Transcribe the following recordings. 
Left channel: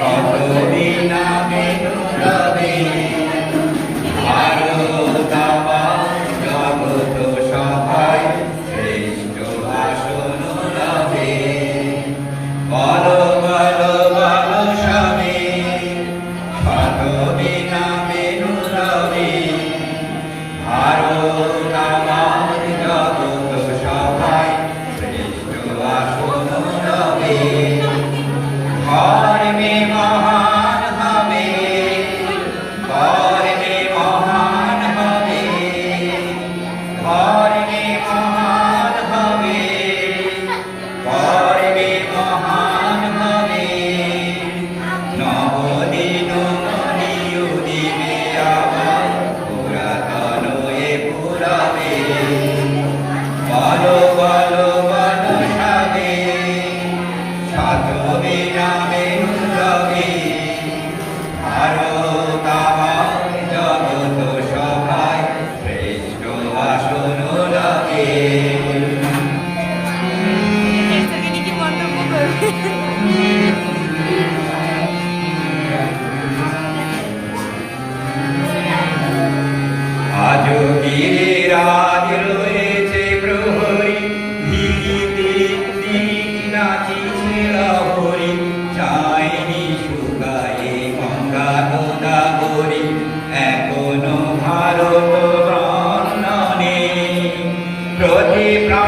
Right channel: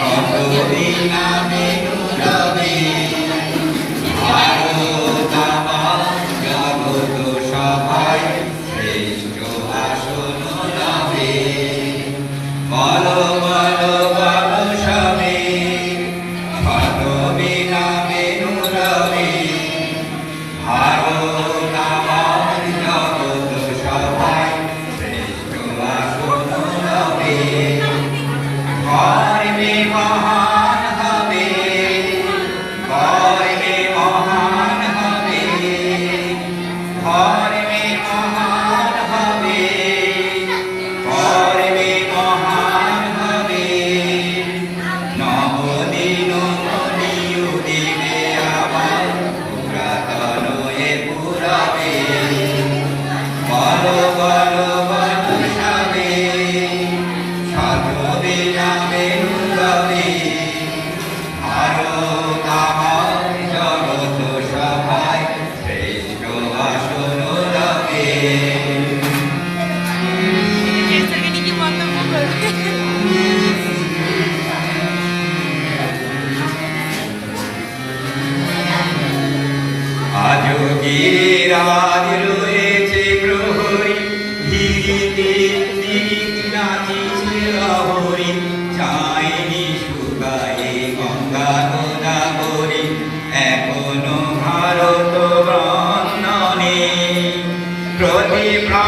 কতদিন আমি Glória আজও গিরে রাগ রয়েছে প্রহরী। ধীরিতে দিক নাচিছে লহরী। চাইনি প্রতি প্রাণ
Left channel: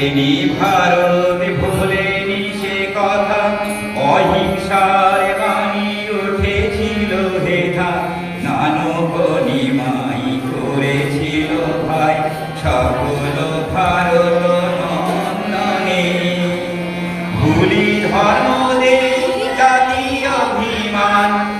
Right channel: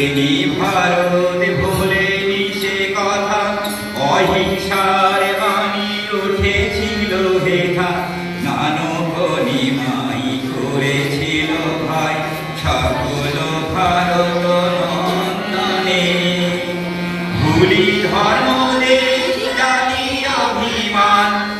ভুলেনি ভারত ভুলেনি সে কথা। অহিংসার বাণী উঠেছিল হেথা। নানক নিমাই করেছিল ভাই। সকল ভারত নন্দনে। ভুলি ধর্ম দেশ জাতি অভিমান।